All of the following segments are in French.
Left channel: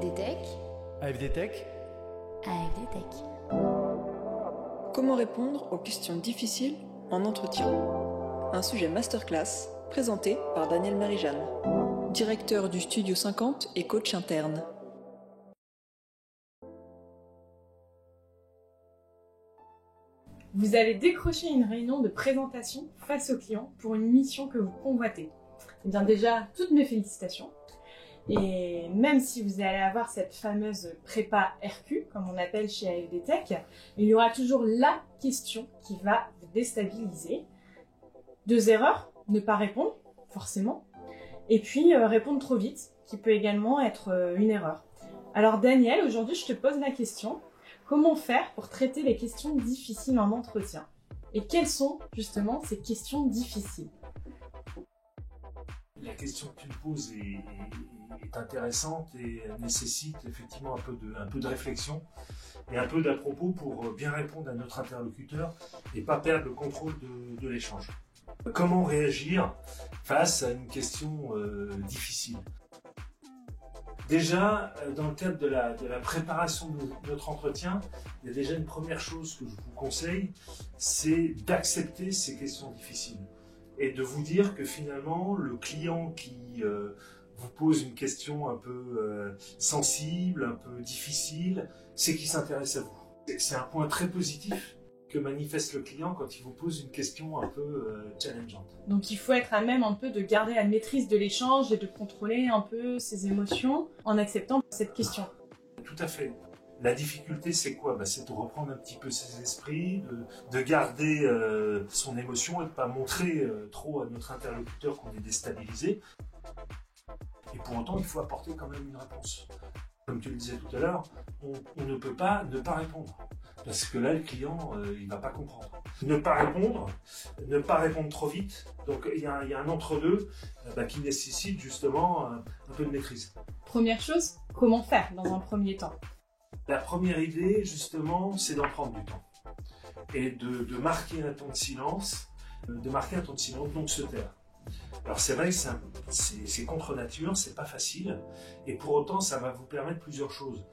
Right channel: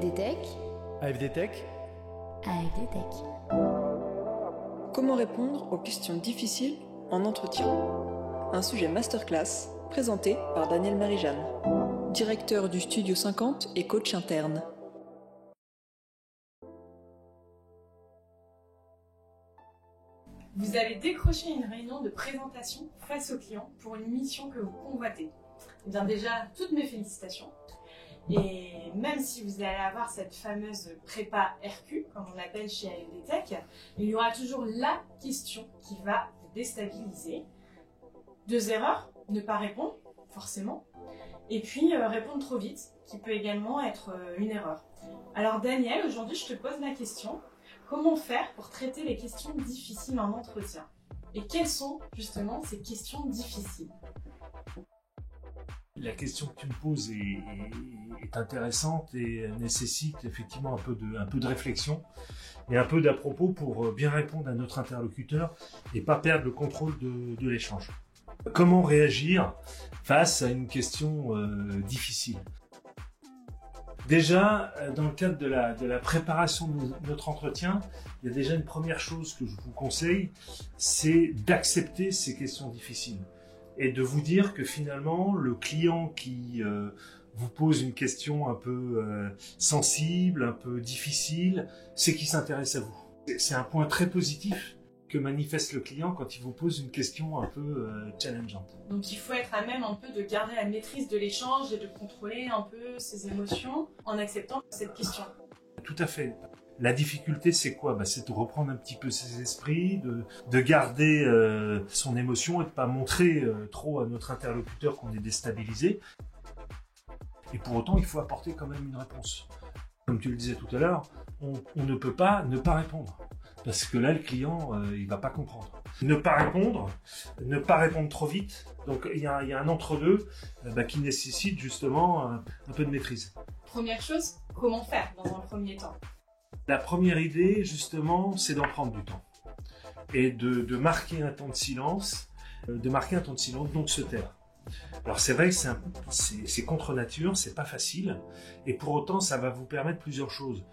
AFD Tech. AFD Tech. AFD Tech. Comment répondre aux questions difficiles en entretien? Un sujet masterclass présenté par Daniel Marie-Jeanne, directeur du Studio 50 et coach interne. Vous allez décrocher une réunion de présentation face au client pour une mission que vous convoitez. Eh bien déjà, toutes mes félicitations. Et même si vous allez avoir cette fameuse prépa RQ, comme on appelle chez AFD Tech, il y aura toujours la question qui va vous déstabiliser. 2 erreurs, ne pas répondre, forcément. Et puis répondre trop vite, qui peut également être une erreur. Alors Daniel, aujourd'hui je te pose la question. Comment faire pour traiter les questions difficiles en entretien? Et quelles sont justement ces questions difficiles? La question que tu me poses est intéressante et nécessite effectivement un peu de réflexion et un peu d'à-propos pour bien répondre à notre interlocuteur et pas perdre le contrôle de l'échange. Comment réagir face à une question difficile? Déjà, dans le cadre de la préparation de notre entretien, il y a déjà une première chose que je vous conseille, c'est d'accepter ces questions difficiles et de vous dire que finalement, le client qui vous pose une question un peu sensible, un peu difficile, c'est qu'il s'intéresse à vous. C'est un point très positif que manifeste le client quand il vous pose une question un peu challengeante. Donc il faut être à même un peu de garder la maîtrise de l'échange et de contrôler un peu ses émotions en acceptant cette question. Tout à fait. La difficulté, c'est quoi? C'est de reprendre un petit peu ses esprits, de garder son émotion et de ne pas montrer trop à notre interlocuteur qu'on est déstabilisé. Et pour autant, il faut apporter quand même une réponse. Comme tu le disais tout à l'heure, on ne peut pas ne pas répondre. Parce que là, le client, il va pas comprendre. Ne pas répondre trop vite. Donc, il y a un entre-deux qui nécessite justement un peu de maîtrise. Première chose, comment faire dans un premier temps? La première idée, justement, c'est d'en prendre du temps. Et de marquer un temps de silence, donc se taire. Alors c'est vrai que c'est contre nature, c'est pas facile, et pour autant ça va vous permettre plusieurs choses.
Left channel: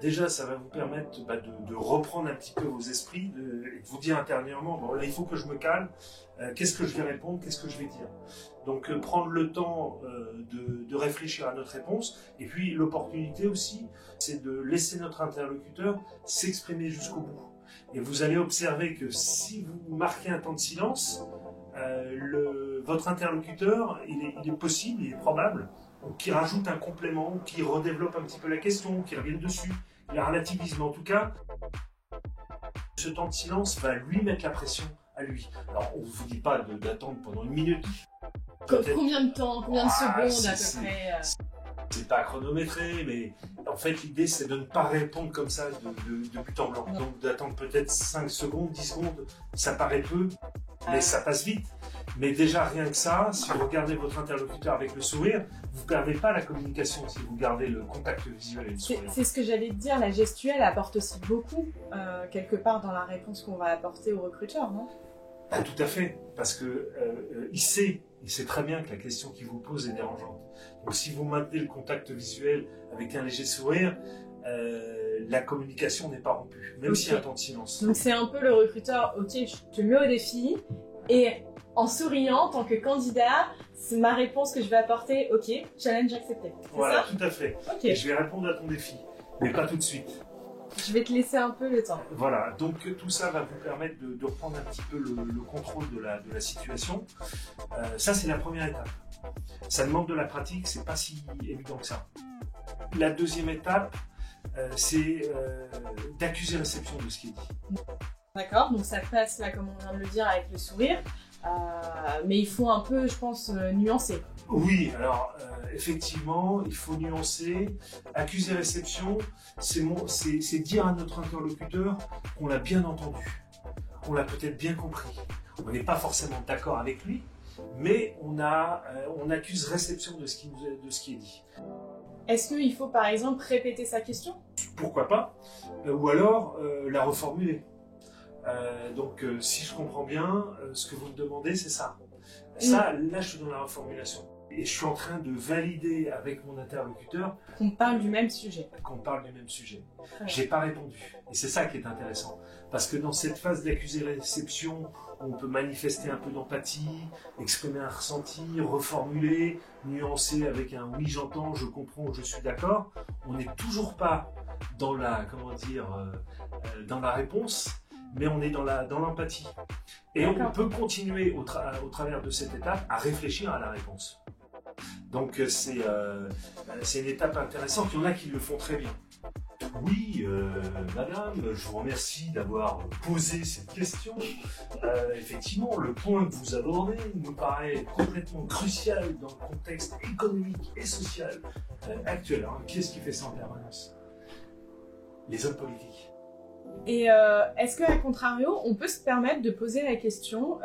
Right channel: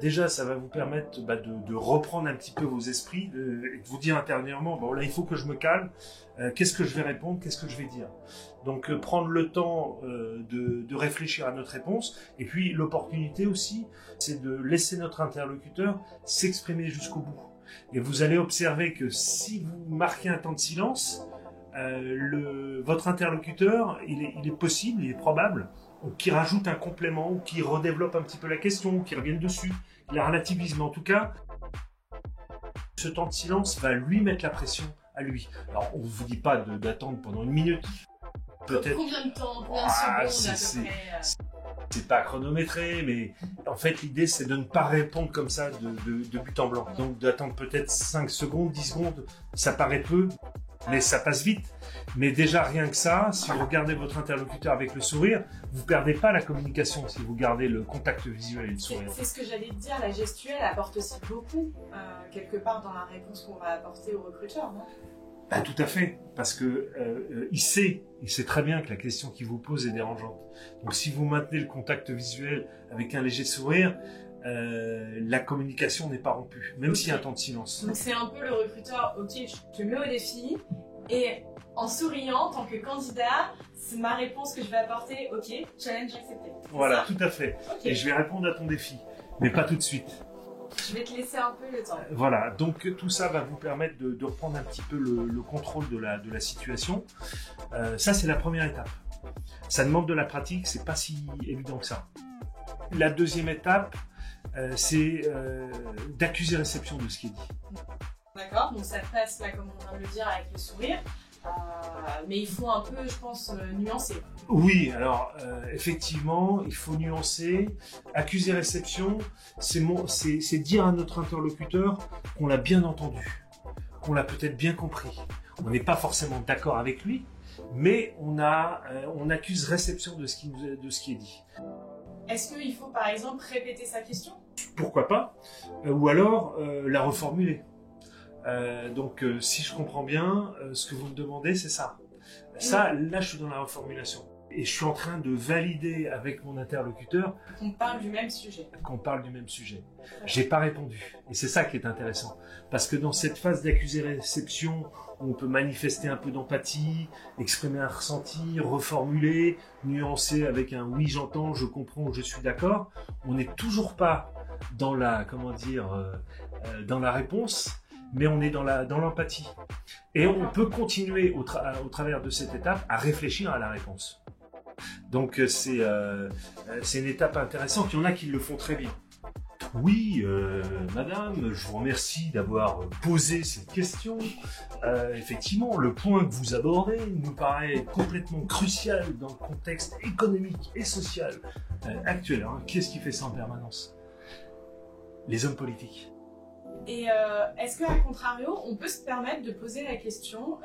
Déjà, ça va vous permettre de reprendre un petit peu vos esprits, de vous dire intérieurement, bon là il faut que je me calme, qu'est-ce que je vais répondre, qu'est-ce que je vais dire. Donc prendre le temps de réfléchir à notre réponse, et puis l'opportunité aussi, c'est de laisser notre interlocuteur s'exprimer jusqu'au bout. Et vous allez observer que si vous marquez un temps de silence, votre interlocuteur, il est possible, il est probable, qu'il rajoute un complément, ou qu'il redéveloppe un petit peu la question, ou qu'il revienne dessus, il la relativise, mais en tout cas, ce temps de silence va lui mettre la pression à lui. Alors, on ne vous dit pas d'attendre pendant 1 minute. Combien de temps, combien de secondes à peu près C'est pas chronométré, mais en fait, l'idée, c'est de ne pas répondre comme ça de but en blanc. Non. Donc, d'attendre peut-être 5 secondes, 10 secondes, ça paraît peu, mais ça passe vite. Mais déjà, rien que ça, si vous regardez votre interlocuteur avec le sourire, vous perdez pas la communication si vous gardez le contact visuel et le sourire. C'est ce que j'allais te dire, la gestuelle apporte aussi beaucoup, quelque part dans la réponse qu'on va apporter au recruteur, non? Tout à fait, parce que il sait très bien que la question qu'il vous pose est dérangeante. Donc si vous maintenez le contact visuel avec un léger sourire, la communication n'est pas rompue, même s'il y a un temps de silence. Donc c'est un peu le recruteur, ok, je te mets au défi, et en souriant, en tant que candidat, c'est ma réponse que je vais apporter, ok, challenge accepté. Voilà, tout à fait. Okay. Et je vais répondre à ton défi, mais pas tout de suite. Je vais te laisser un peu le temps. Voilà, donc tout ça va vous permettre de reprendre un petit peu le contrôle de la situation. Ça, c'est la première étape. Ça demande de la pratique, c'est pas si évident que ça. La deuxième étape, c'est d'accuser réception de ce qui est dit. D'accord, donc ça passe là, comme on vient de le dire, avec le sourire. Mais il faut un peu, je pense, nuancer. Oui, alors effectivement, il faut nuancer. Accuser réception, c'est dire à notre interlocuteur qu'on l'a bien entendu, qu'on l'a peut-être bien compris. On n'est pas forcément d'accord avec lui, mais on accuse réception de ce qui est dit. Est-ce qu'il faut par exemple répéter sa question? Pourquoi pas? Ou alors la reformuler. Donc si je comprends bien, ce que vous me demandez, c'est ça. Ça, là, je suis dans la reformulation. et je suis en train de valider avec mon interlocuteur qu'on parle du même sujet. J'ai pas répondu. Et c'est ça qui est intéressant. Parce que dans cette phase d'accusé-réception, où on peut manifester un peu d'empathie, exprimer un ressenti, reformuler, nuancer avec un oui j'entends, je comprends, je suis d'accord, on n'est toujours pas dans la, dans la réponse, mais on est dans l'empathie. Et on peut continuer au travers de cette étape à réfléchir à la réponse. Donc c'est une étape intéressante. Il y en a qui le font très bien. Oui, madame, je vous remercie d'avoir posé cette question. Effectivement, le point que vous abordez me paraît complètement crucial dans le contexte économique et social actuel. Hein. Qu'est-ce qui fait ça en permanence? Les hommes politiques. Et est-ce qu'à contrario, on peut se permettre de poser la question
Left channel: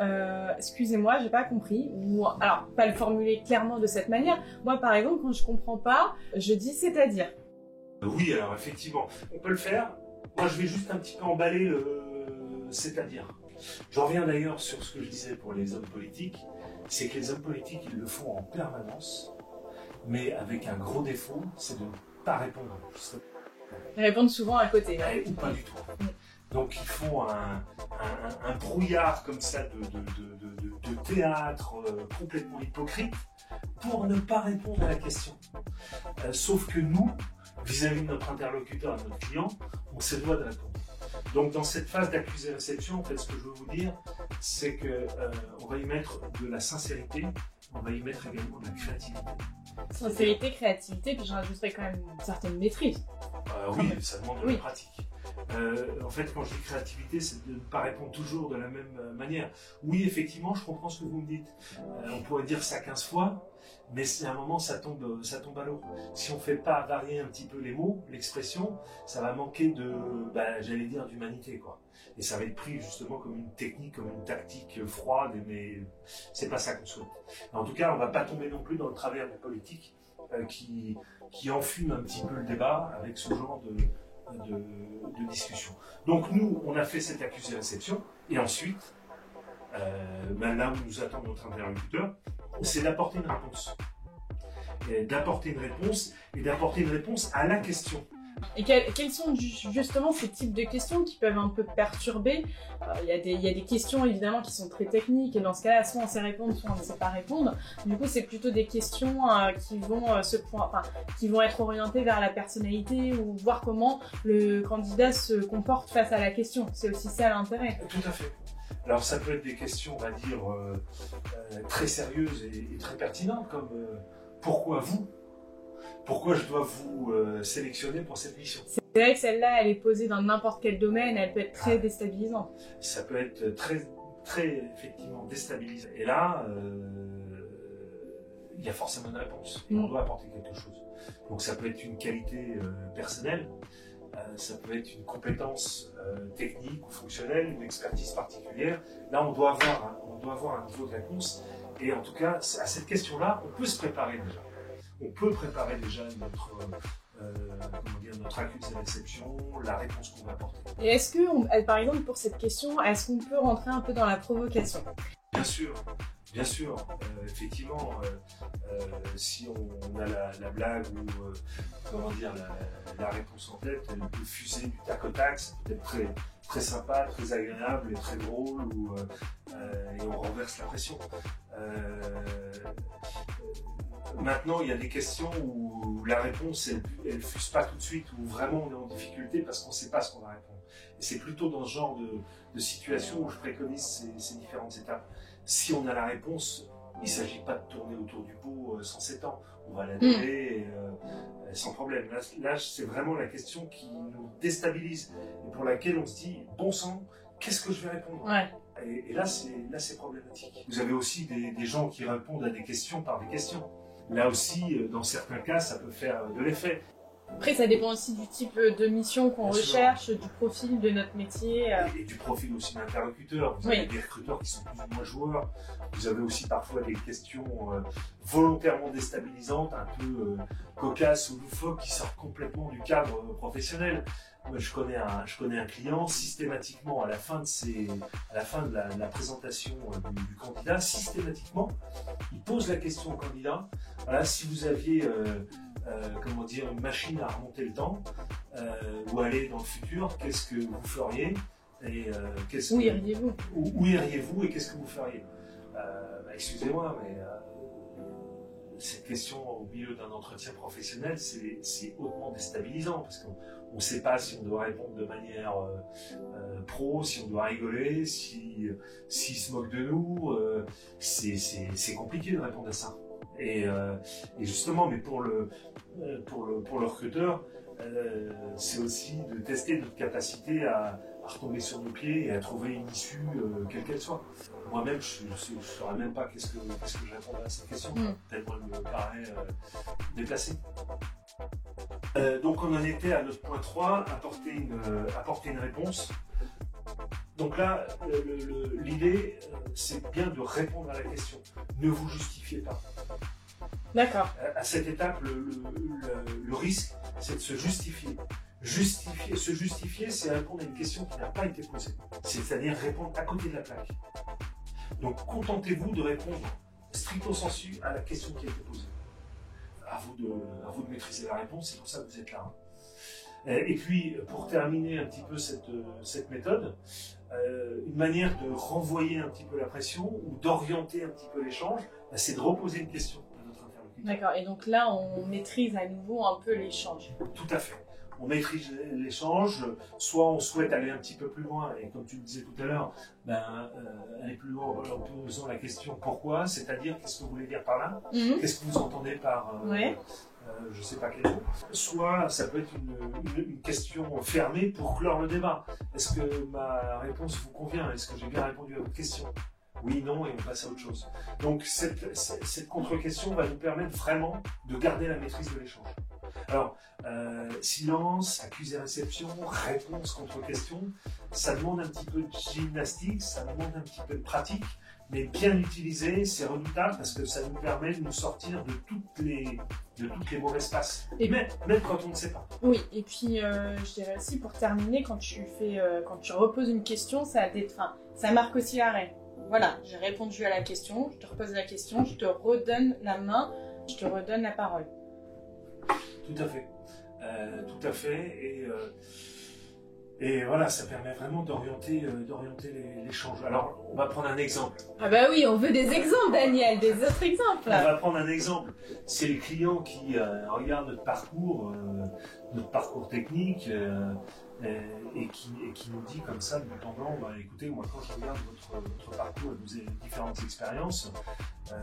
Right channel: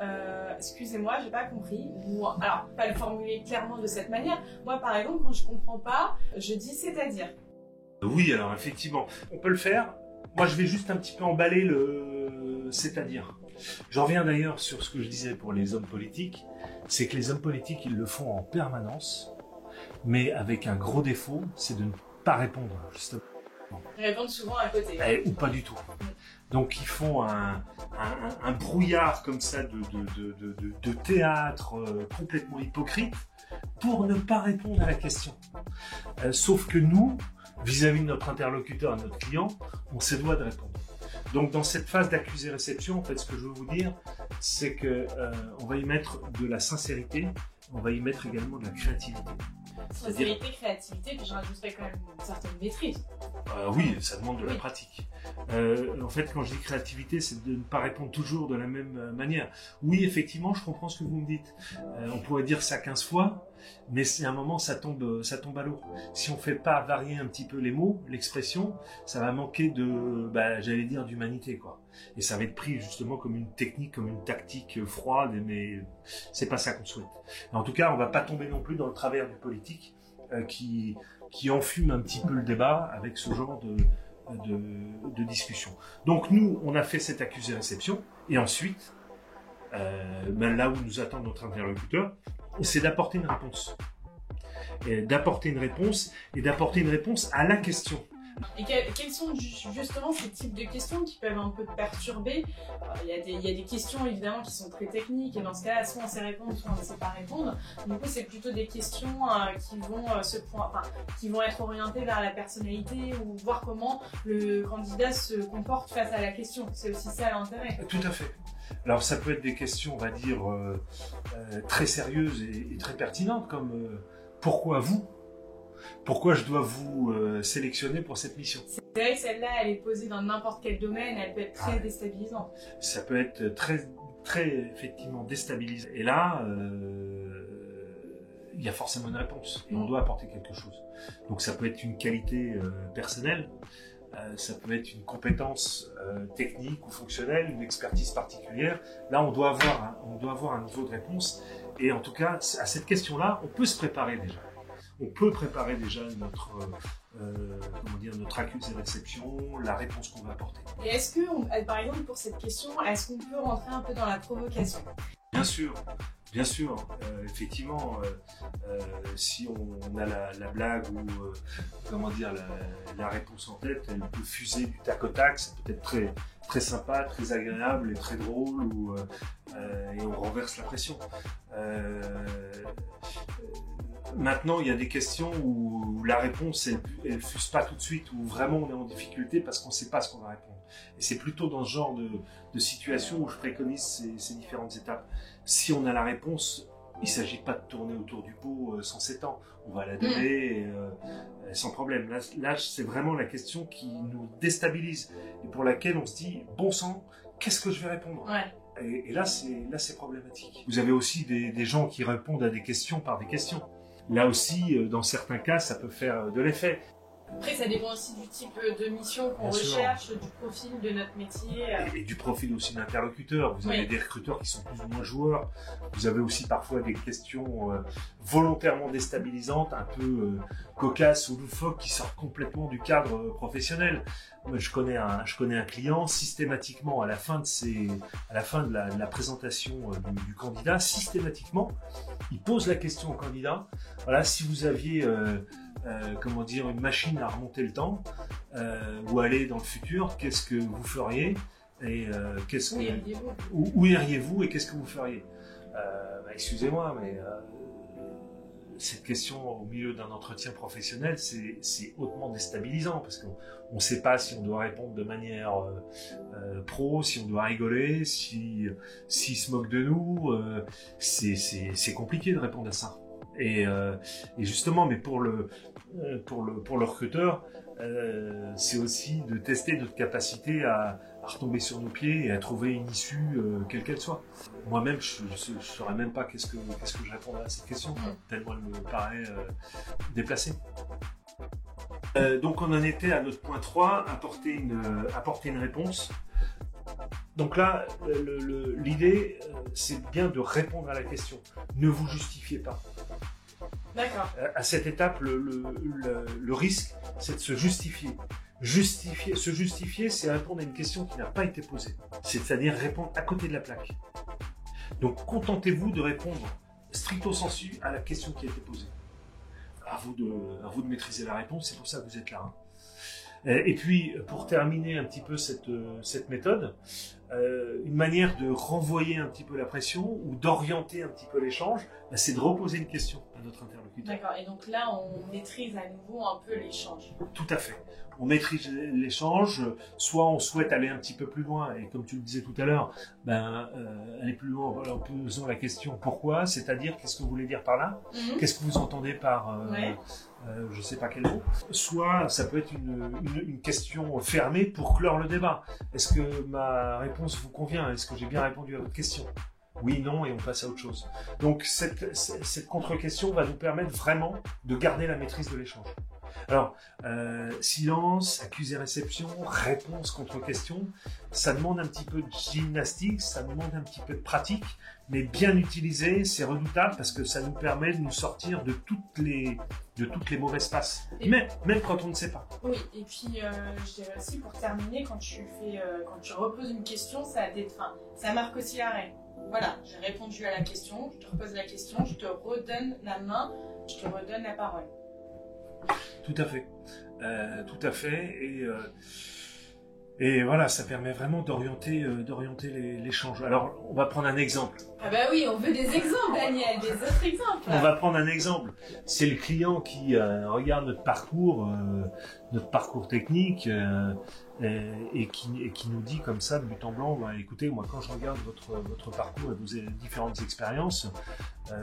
excusez-moi, j'ai pas compris, ou alors pas le formuler clairement de cette manière. Moi, par exemple, quand je comprends pas, je dis c'est-à-dire. Oui, alors effectivement, on peut le faire. Moi, je vais juste un petit peu emballer le c'est-à-dire. J'en reviens d'ailleurs sur ce que je disais pour les hommes politiques, c'est que les hommes politiques, ils le font en permanence, mais avec un gros défaut, c'est de ne pas répondre, justement. Ils répondent souvent à côté. Ou pas du tout. Donc ils font un brouillard comme ça de théâtre complètement hypocrite pour ne pas répondre à la question. Sauf que nous, vis-à-vis de notre interlocuteur, de notre client, on se doit de répondre. Donc dans cette phase d'accusé-réception, en fait, ce que je veux vous dire, c'est que on va y mettre de la sincérité, on va y mettre également de la créativité. Sincérité, créativité, puis j'en rajouterais quand même une certaine maîtrise. Oui, ça demande de la pratique. En fait, quand je dis créativité, c'est de ne pas répondre toujours de la même manière. Oui, effectivement, je comprends ce que vous me dites. On pourrait dire ça 15 fois, mais c'est à un moment, ça tombe à l'eau. Si on ne fait pas varier un petit peu les mots, l'expression, ça va manquer j'allais dire, d'humanité, quoi. Et ça va être pris justement comme une technique, comme une tactique froide, mais c'est pas ça qu'on souhaite. Mais en tout cas, on va pas tomber non plus dans le travers du politique qui enfume un petit peu le débat avec ce genre de discussion. Donc nous, on a fait cette accusé-réception, et ensuite, là où nous attend notre interlocuteur, c'est d'apporter une réponse. Et d'apporter une réponse à la question. Et quels sont justement ces types de questions qui peuvent un peu perturber? Il y a des questions évidemment qui sont très techniques, et dans ce cas-là, soit on sait répondre, soit on ne sait pas répondre. Du coup, c'est plutôt des questions qui vont être orientées vers la personnalité, ou voir comment le candidat se comporte face à la question. C'est aussi ça l'intérêt. Tout à fait. Alors ça peut être des questions, on va dire, très sérieuses et très pertinentes, comme pourquoi vous? Pourquoi je dois vous sélectionner pour cette mission? C'est vrai que celle-là, elle est posée dans n'importe quel domaine, elle peut être très déstabilisante. Ça peut être très, très effectivement déstabilisant. Et là, il y a forcément une réponse. Et on doit apporter quelque chose. Donc ça peut être une qualité personnelle, ça peut être une compétence technique ou fonctionnelle, une expertise particulière. Là, on doit avoir un niveau de réponse. Et en tout cas, à cette question-là, on peut se préparer déjà. On peut préparer déjà notre accusé-réception, la réponse qu'on va apporter. Et est-ce que, par exemple, pour cette question, est-ce qu'on peut rentrer un peu dans la provocation? Bien sûr. Effectivement, si on a la blague ou la réponse en tête, elle peut fuser du tac au tac, ça peut être très, très sympa, très agréable et très drôle, et on renverse la pression. Maintenant, il y a des questions où la réponse, elle fuse pas tout de suite, où vraiment on est en difficulté parce qu'on ne sait pas ce qu'on va répondre. Et c'est plutôt dans ce genre de situation où je préconise ces différentes étapes. Si on a la réponse, il ne s'agit pas de tourner autour du pot sans s'étendre. On va la donner sans problème. Là, c'est vraiment la question qui nous déstabilise et pour laquelle on se dit, bon sang, qu'est-ce que je vais répondre? Et là, c'est problématique. Vous avez aussi des gens qui répondent à des questions par des questions. Là aussi, dans certains cas, ça peut faire de l'effet. Après, ça dépend aussi du type de mission qu'on recherche, du profil de notre métier. Et du profil aussi de l'interlocuteur. Vous avez des recruteurs qui sont plus ou moins joueurs. Vous avez aussi parfois des questions volontairement déstabilisantes, un peu cocasses ou loufoques, qui sortent complètement du cadre professionnel. Moi, je connais un client, systématiquement, à la fin de la présentation du candidat, systématiquement, il pose la question au candidat, voilà, si vous aviez une machine à remonter le temps, ou aller dans le futur, qu'est-ce que vous feriez et où iriez-vous et qu'est-ce que vous feriez? Excusez-moi, mais cette question au milieu d'un entretien professionnel, c'est hautement déstabilisant parce qu'on ne sait pas si on doit répondre de manière pro, si on doit rigoler, s'il se moque de nous. C'est compliqué de répondre à ça. Et justement, mais pour le recruteur, c'est aussi de tester notre capacité à retomber sur nos pieds et à trouver une issue, quelle qu'elle soit. Moi-même, je ne saurais même pas qu'est-ce que je répondrais à cette question, tellement elle me paraît déplacée. Donc on en était à notre point 3, apporter une réponse. Donc là, l'idée, c'est bien de répondre à la question. Ne vous justifiez pas. D'accord. À cette étape, le risque, c'est de se justifier. Se justifier, c'est répondre à une question qui n'a pas été posée. C'est-à-dire répondre à côté de la plaque. Donc, contentez-vous de répondre stricto sensu à la question qui a été posée. À vous de maîtriser la réponse, c'est pour ça que vous êtes là. Et puis, pour terminer un petit peu cette méthode, une manière de renvoyer un petit peu la pression ou d'orienter un petit peu l'échange, c'est de reposer une question à notre interlocuteur. D'accord, et donc là, on maîtrise à nouveau un peu l'échange. Tout à fait. On maîtrise l'échange, soit on souhaite aller un petit peu plus loin, et comme tu le disais tout à l'heure, aller plus loin en posant la question pourquoi, c'est-à-dire qu'est-ce que vous voulez dire par là, qu'est-ce que vous entendez par je ne sais pas quel mot. Soit ça peut être une question fermée pour clore le débat. Est-ce que ma réponse vous convient? Est-ce que j'ai bien répondu à votre question? Oui, non, et on passe à autre chose. Donc cette contre-question va nous permettre vraiment de garder la maîtrise de l'échange. Alors, silence, accusé-réception, réponse, contre-question, ça demande un petit peu de gymnastique, ça demande un petit peu de pratique, mais bien utilisé, c'est redoutable parce que ça nous permet de nous sortir de toutes les mauvaises passes, même quand on ne sait pas. Oui, et puis je dirais aussi pour terminer, quand tu reposes une question, ça marque aussi l'arrêt. Voilà, j'ai répondu à la question, je te repose la question, je te redonne la main, je te redonne la parole. Tout à fait, et voilà, ça permet vraiment d'orienter l'échange. Alors, on va prendre un exemple. Ah bah oui, on veut des exemples, Daniel, des autres exemples. On va prendre un exemple. C'est le client qui regarde notre parcours technique et qui nous dit comme ça de but en blanc, écoutez, moi quand je regarde votre parcours et vos différentes expériences,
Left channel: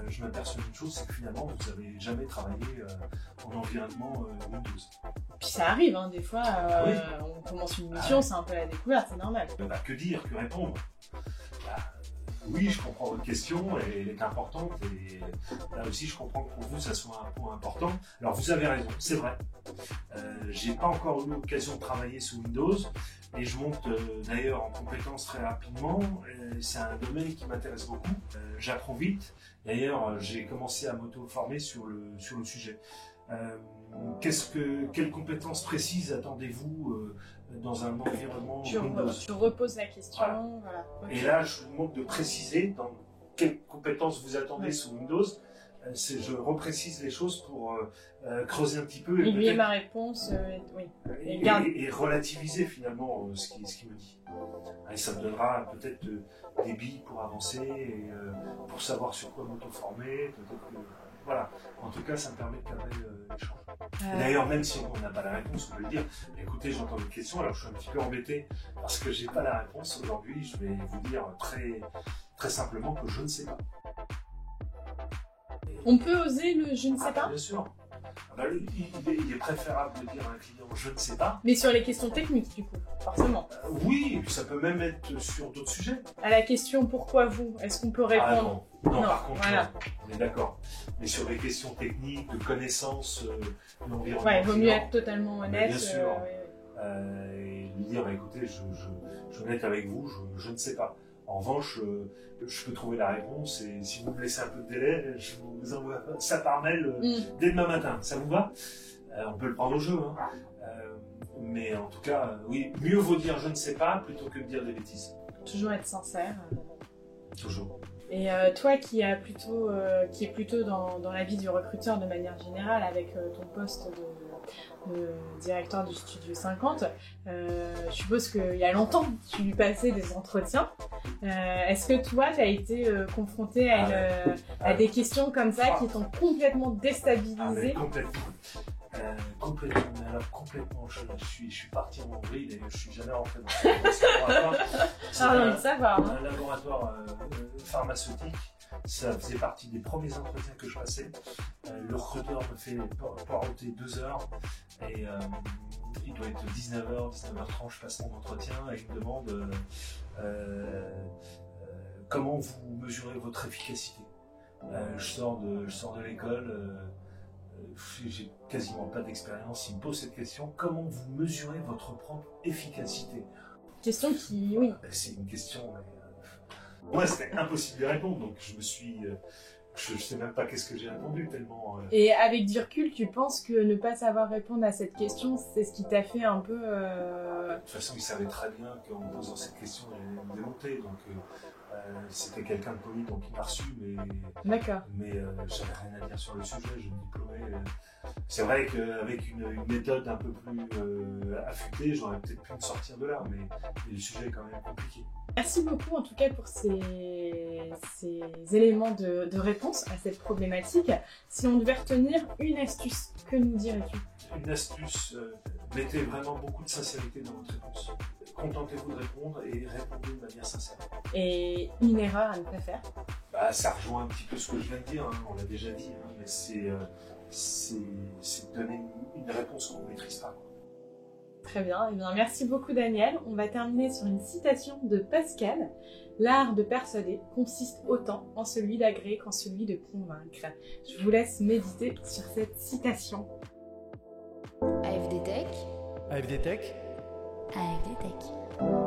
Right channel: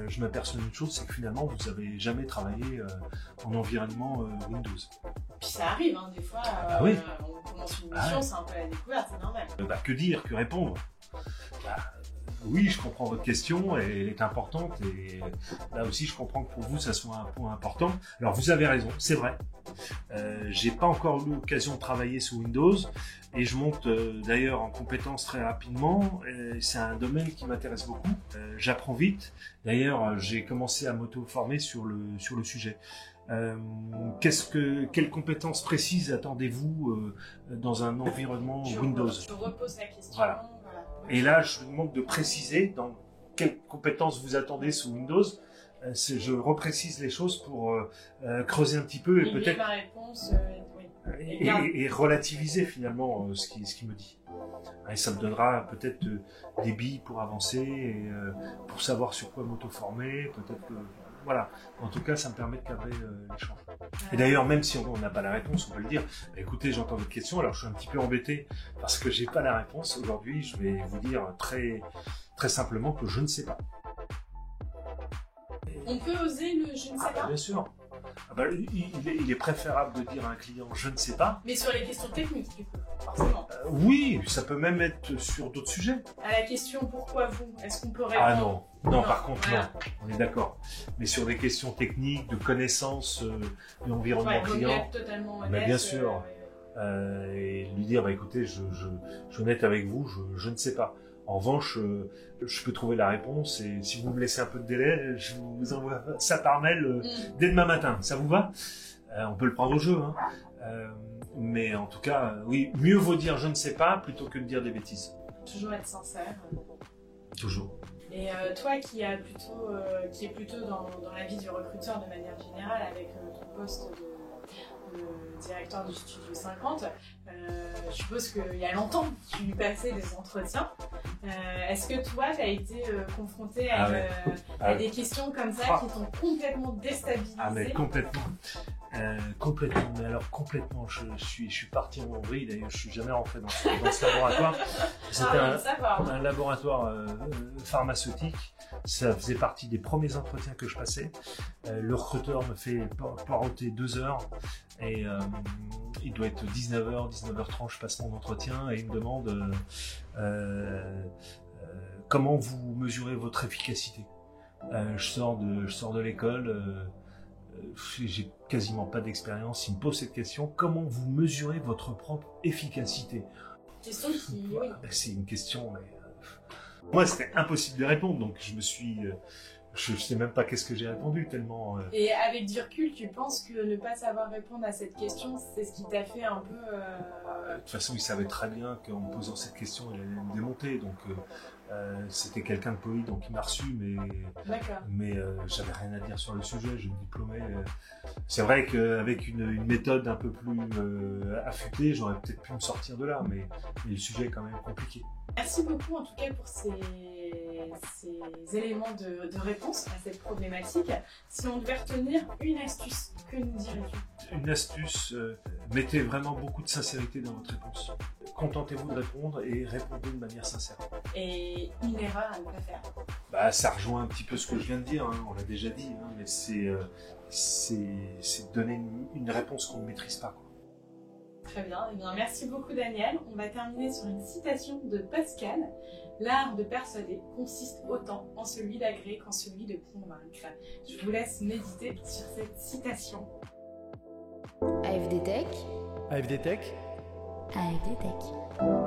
je m'aperçois d'une chose, c'est que finalement vous n'avez jamais travaillé en environnement Windows. Puis ça arrive, hein, des fois, oui. On commence une mission, c'est un peu la découverte, c'est normal. Que dire, que répondre? Oui, je comprends votre question, elle est importante, et là aussi je comprends que pour vous ça soit un point important. Alors vous avez raison, c'est vrai. J'ai pas encore eu l'occasion de travailler sous Windows, et je monte d'ailleurs en compétences très rapidement. C'est un domaine qui m'intéresse beaucoup. J'apprends vite. D'ailleurs, j'ai commencé à m'auto-former sur le sujet. Quelles compétences précises attendez-vous dans un environnement Windows? Je repose la question. Voilà. Et là, je vous demande de préciser dans quelles compétences vous attendez sous Windows. Je reprécise les choses pour creuser un petit peu et peut-être ma réponse, oui. Et relativiser finalement ce qu'il me dit. Et ça me donnera peut-être des billes pour avancer, et, pour savoir sur quoi m'auto-former, peut-être que... Voilà, en tout cas, ça me permet de cadrer l'échange. Et d'ailleurs, même si on n'a pas la réponse, on peut le dire. Écoutez, j'entends votre question, alors je suis un petit peu embêté parce que j'ai pas la réponse. Aujourd'hui, je vais vous dire très, très simplement que je ne sais pas. On peut oser le je ne sais pas? Bien sûr. Il est préférable de dire à un client je ne sais pas. Mais sur les questions techniques, du coup, forcément. Oui, ça peut même être sur d'autres sujets. À la question pourquoi vous, est-ce qu'on peut répondre? Non, par contre, voilà. non. On est d'accord. Mais sur des questions techniques, de connaissances de l'environnement Il vaut mieux client, être totalement honnête. bien sûr. Et lui dire, écoutez, je suis honnête avec vous, je ne sais pas. En revanche, je peux trouver la réponse et si vous me laissez un peu de délai, je vous envoie ça par mail dès demain matin. Ça vous va? On peut le prendre au jeu, hein. Mais en tout cas, oui, mieux vaut dire je ne sais pas plutôt que de dire des bêtises. Toujours être sincère. Toujours. Et toi qui est plutôt dans la vie du recruteur de manière générale, avec ton poste de directeur du Studio 50, je suppose qu'il y a longtemps que tu passais des entretiens. Est-ce que toi, tu as été confronté à des questions comme ça qui t'ont complètement déstabilisé? Mais complètement. Complètement, mais alors complètement, je suis parti en vrille, d'ailleurs je suis jamais rentré dans ce laboratoire. C'est un laboratoire pharmaceutique, ça faisait partie des premiers entretiens que je passais. Le recruteur me fait poireauter 2 heures et il doit être 19h, 19h30, je passe mon entretien et il me demande comment vous mesurez votre efficacité. Je sors de l'école. J'ai quasiment pas d'expérience, il me pose cette question, comment vous mesurez votre propre efficacité? Question qui, oui. C'est une question, moi c'était impossible de répondre, donc je sais même pas qu'est-ce que j'ai répondu tellement... Et avec du recul, tu penses que ne pas savoir répondre à cette question, c'est ce qui t'a fait un peu... De toute façon, il savait très bien qu'en me posant cette question, il allait me démonter, donc... c'était quelqu'un de poli, donc il m'a reçu, mais j'avais rien à dire sur le sujet, je me diplômais. C'est vrai qu'avec une méthode un peu plus affûtée, j'aurais peut-être pu me sortir de là, mais le sujet est quand même compliqué. Merci beaucoup en tout cas pour ces éléments de réponse à cette problématique. Si on devait retenir une astuce, que nous dirais-tu? Une astuce, mettez vraiment beaucoup de sincérité dans votre réponse. Contentez-vous de répondre et répondez de manière sincère. Et une erreur à ne pas faire? Ça rejoint un petit peu ce que je viens de dire, hein, on l'a déjà dit, hein, mais c'est de donner une réponse qu'on ne maîtrise pas. Très bien, eh bien, merci beaucoup Daniel. On va terminer sur une citation de Pascal. L'art de persuader consiste autant en celui d'agréer qu'en celui de convaincre. Je vous laisse méditer sur cette citation. AFD Tech. AFD Tech. AFD Tech.